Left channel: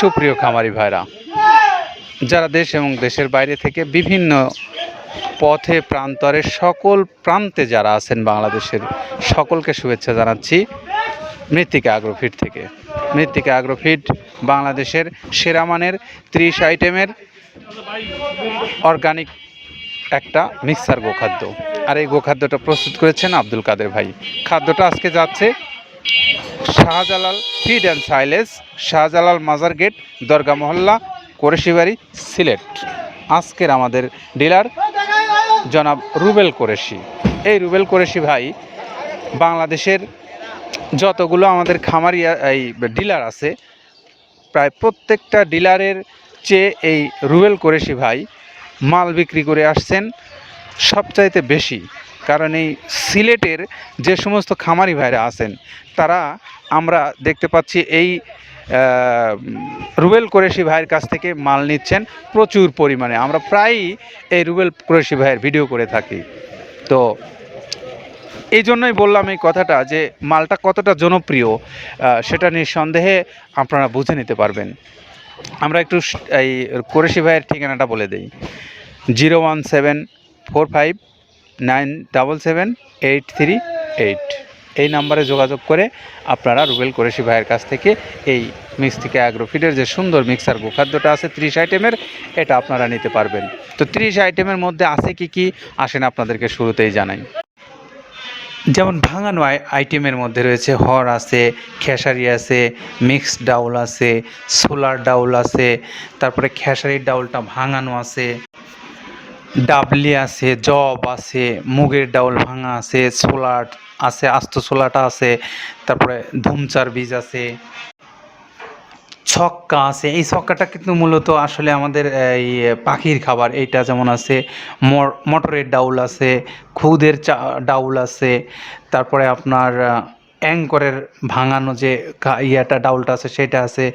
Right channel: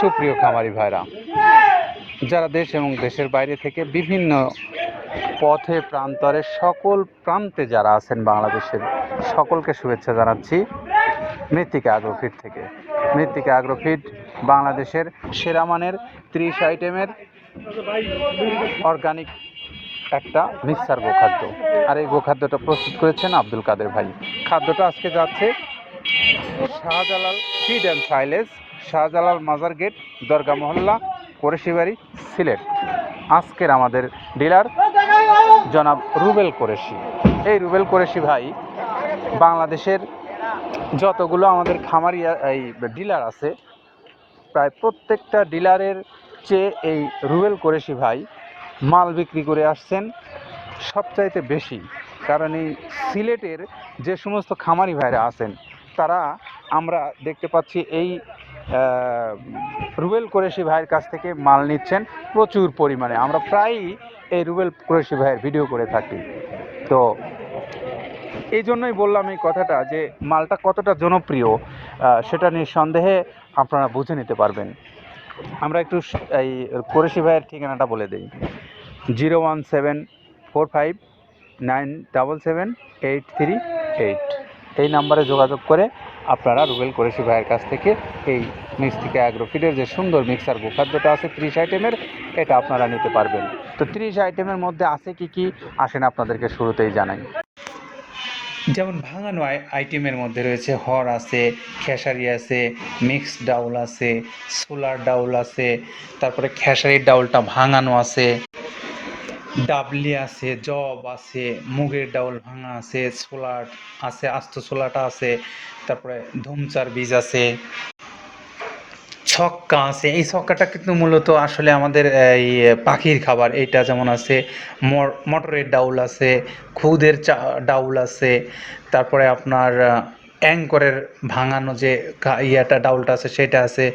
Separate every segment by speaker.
Speaker 1: সুপ্রিয় খামারি ভাইরা, যারা দেশ এবং দেশের বাইরে থেকে বিভিন্ন পথে, প্রান্তরে সকল প্রান্তে যারা আছেন বাংলাদেশের সকলকে শুভেচ্ছা জানাচ্ছি মৃত্তিকা আগ্রোফিট থেকে। মৃত্তিকা আগ্রোফিট বাংলাদেশের সেরা মানের ত্রিশ আইটেমের অর্গানিক একটা মিক্সার গোখাদ্য। আর এই গোখাদ্যটা প্রস্তুত করেছেন আব্দুল কাদের ভাই। খাদ্যটা আজকে যাচ্ছে Shahjalal feed and silage, Shahjalal মাজার গেট, দরগা মহল্লা, কোরেশিবাড়ি, সিলেট। আজকের আমাদের ডিলার জনাব রুবেল কোরেশি। এই রুবেল কোরেশি ভাই, বাংলাদেশের যতগুলো আমাদের খামারি, এই ডিলার আছে, প্রায় প্রত্যেকটা ডিলারের চেয়ে এই রুবেল কোরেশি ভাই মাল বিক্রি করে আসছেন সবচাইতে বেশি। কারণ এই সিলেটের যে সমস্ত খামারি ভাইরা আছেন, তারা আমরা দেখতে পাচ্ছি এই রুবেল কোরেশি ভাইয়ের কাছ থেকে মাল নিচ্ছেন প্রচুর পরিমাণে। আমরা প্রায়ই এই রুবেল কোরেশি ভাইয়ের ভিডিও করে থাকি। তো এই জন্যই বললাম এই কথাটা যে মালটা কতটা জনপ্রিয় সেটা নিঃসন্দেহে আপনারা বুঝে নিতে পারবেন। আমরা একটু এই কোরেশি ভাইয়ের ঠিকানাটা বলে দিই। Zero one seven four five nine double seven eight three eight. এই নাম্বারে যোগাযোগ করে আপনারা রুবেল কোরেশি ভাইয়ের কাছ থেকে এই মিক্সটিকা অ্যাগ্রোফিডের যে সুন্দর মিক্সার গোখাদ্যটা আছে, ত্রিশ আইটেমের, এটা আপনারা নিতে পারবেন। তো ত্রিশ আইটেমের মধ্যে আছে কি কি? আসেন আপনাদেরকে শুরুতেই জানাই। যেমন ভাঙানো আই- আইটেমের মধ্যে রয়েছে, হর আছে, খেসারি আছে মিক্সড ডাউল আছে, সোলার ডাউল আছে, তারপরে খেসারির ডাউলটা ভাঙানো আছে। ডাবলি আছে, জব আছে, মুগের ডাউল ভাঙা আছে, সোলার আছে, আস্ত ছোলাটা আছে, তারপরে ধুমচার বীজ আছে, ছক্কা আছে। এই ছক্কাটা কিন্তু মূলত আসলে আমাদের, এই, পাখির খাবার। এইটা যেমন আছে মটরের ডাউল আছে, খুদের চা, ডাউল আছে, তারপরে আপনার অ্যাঙ্করের ভাঙানো যে ইয়াটা, ডাউলটা আছে, সেটা আছে।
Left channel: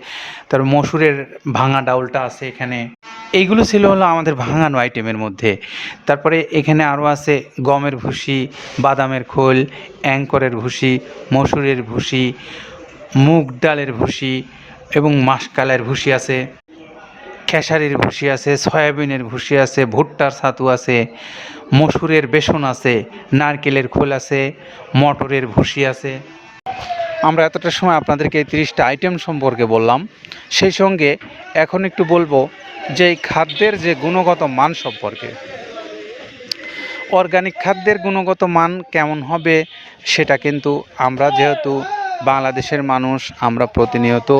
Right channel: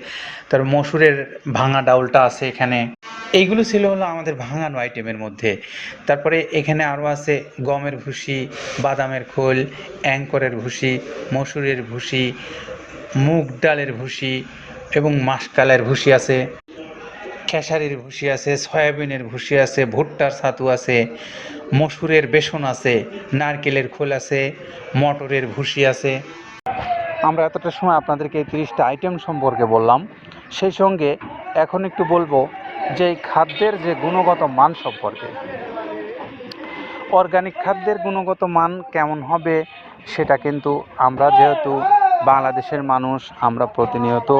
Speaker 1: তারপর মসুরের ভাঙা ডাউলটা আছে এখানে। এইগুলো ছিল হলো আমাদের ভাঙানো আইটেমের মধ্যে। তারপরে এখানে আরও আছে গমের ভুসি, বাদামের খোল, অ্যাঙ্করের ভুসি, মসুরের ভুসি, মুগ ডালের ভুসি এবং মাসকালের ভুসি আছে। খেসারির ভুসি আছে, সয়াবিনের ভুসি আছে, ভুট্টার ছাতু আছে, মসুরের বেসন আছে, নারকেলের খোল আছে, মটরের ভুসি আছে। আমরা এতটা সময় আপনাদেরকে এই তিরিশটা আইটেম সম্পর্কে বললাম। সেই সঙ্গে এখন একটু বলব যে এই খাদ্যের যে গুণগত মান সম্পর্কে। অর্গানিক খাদ্যের গুণগত মান কেমন হবে সেটা কিন্তু আমরা যেহেতু বাংলাদেশের মানুষ, আমরা প্রতিনিয়ত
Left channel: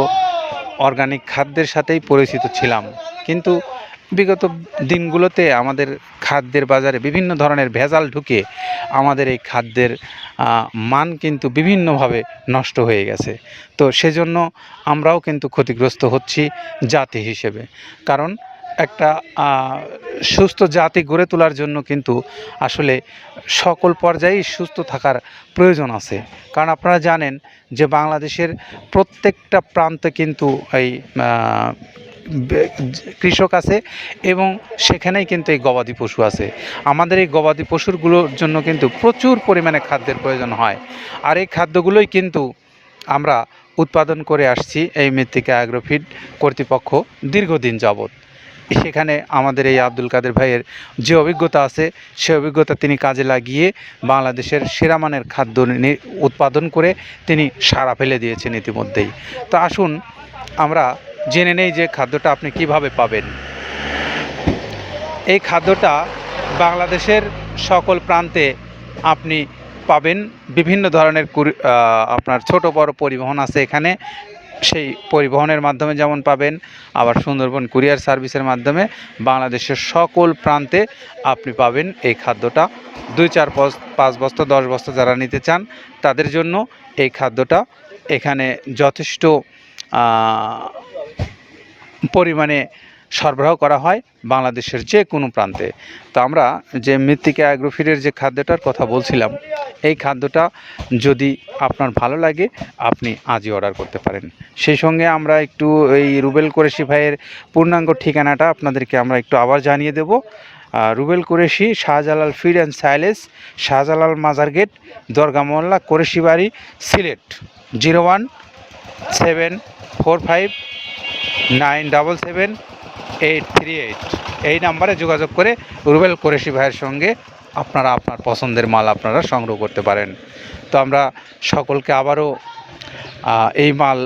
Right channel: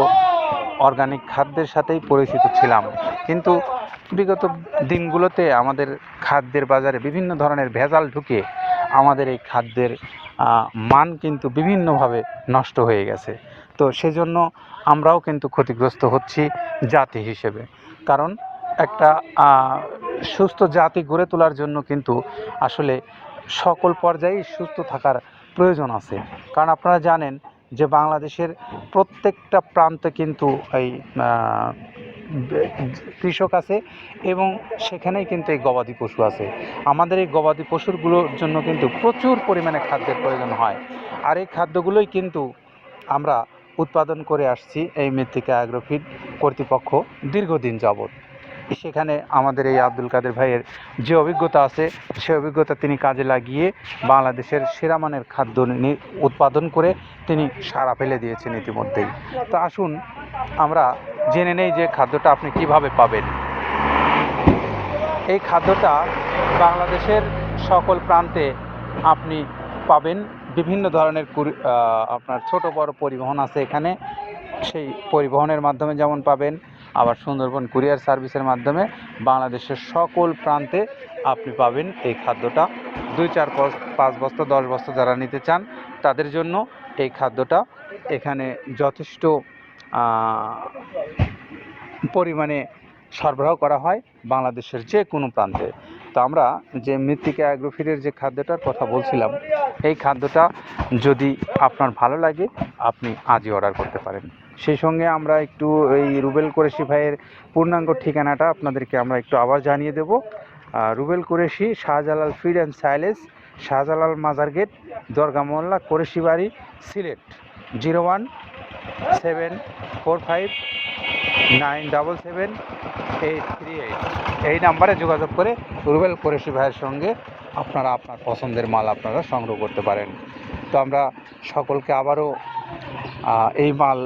Speaker 1: অর্গানিক খাদ্যের সাথেই পরিচিত ছিলাম। কিন্তু বিগত দিনগুলোতে আমাদের খাদ্যের বাজারে বিভিন্ন ধরনের ভেজাল ঢুকে আমাদের এই খাদ্যের মান কিন্তু বিভিন্নভাবে নষ্ট হয়ে গেছে। তো সেজন্য আমরাও কিন্তু ক্ষতিগ্রস্ত হচ্ছি জাতি হিসেবে। কারণ একটা সুস্থ জাতি গড়ে তোলার জন্য কিন্তু আসলে সকল পর্যায়েই সুস্থ থাকার প্রয়োজন আছে। কারণ আপনারা জানেন যে বাংলাদেশের প্রত্যেকটা প্রান্তে কিন্তু এই কৃষক আছে এবং সেখানেই কিন্তু এই গবাদি পশু আছে। আমাদের এই গবাদি পশুরগুলোর জন্য কিন্তু প্রচুর পরিমাণে খাদ্যের প্রয়োজন হয়। আর এই খাদ্যগুলোই কিন্তু আমরা উৎপাদন করে আসছি এই মৃত্তিকা অ্যাগ্রোফিড কর্তৃপক্ষ দীর্ঘদিন যাবৎ। সেখানে আমাদের এই আব্দুল কাদের ভাইয়ের যে অভিজ্ঞতা আছে, সে অভিজ্ঞতা তিনি কাজে লাগিয়ে বাংলাদেশের সেরা মানের খাদ্য উৎপাদন করে তিনি সারা ফেলে দিয়েছেন ইতিমধ্যেই। তো আসুন, আমরা জেনে নেই যে খাদ্যটা আপনি কীভাবে পাবেন। এই খাদ্যটা বাংলাদেশের সকল প্রান্তে আপনি পাবেন। বিভিন্ন ধরনের আপনার ছোট বড় পরিবহন আছে এখানে। সেই পরিবহনের মাধ্যমে যেমন পাবেন, আবার সুন্দরবন কুরিয়ার সার্ভিসের মাধ্যমে বাংলাদেশের সকল প্রান্তে আপনি পাবেন এই খাদ্যটা। দুই, চার, পাঁচ বস্তা, দশ বস্তা যারা নিতে চান, তাদের জন্য এই খাদ্যটা এখানে যথেষ্ট পরিমাণে সরবরাহ করা হয় বাংলাদেশের যে কোনো প্রান্তে। তো আমরা যে মৃত্তিকা অ্যাগ্রোফিডের যে খাদ্যটার কথা বলছিলাম, এই খাদ্যটা যদি আপনার ভালো লাগে, আপনি আজই অর্ডার করতে পারেন। সেই সঙ্গে আমরা একটু এই রুবেল কোরেশি ভাইয়ের পূর্ণাঙ্গ ঠিকানাটা আপনাদেরকে আমরা একটু আবার জানিয়ে দেব। রুবেল কোরেশি, শাহজালাল ফিড অ্যান্ড সাইলেস শাহজালাল মাজার গেট, দরগা মোল্লা, কোরেশি বাড়ি, Sylhet, zero one seven four five nine double seven eight three eight. এই নাম্বারে যোগাযোগ করে রুবেল কোরেশি ভাইয়ের সঙ্গে আপনারা আপনার পছন্দের মাল আপনারা সংগ্রহ করতে পারেন। তো আমরা সকলকে আবারও এই মাল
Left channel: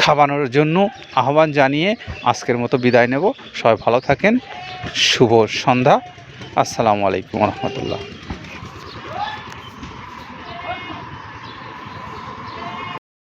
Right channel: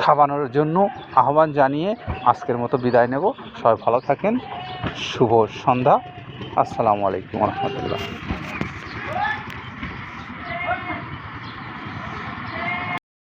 Speaker 1: খাওয়ানোর জন্য আহ্বান জানিয়ে আজকের মতো বিদায় নেব। সবাই ভালো থাকেন। শুভ সন্ধ্যা। আসসালামু আলাইকুম রহমতুল্লাহ।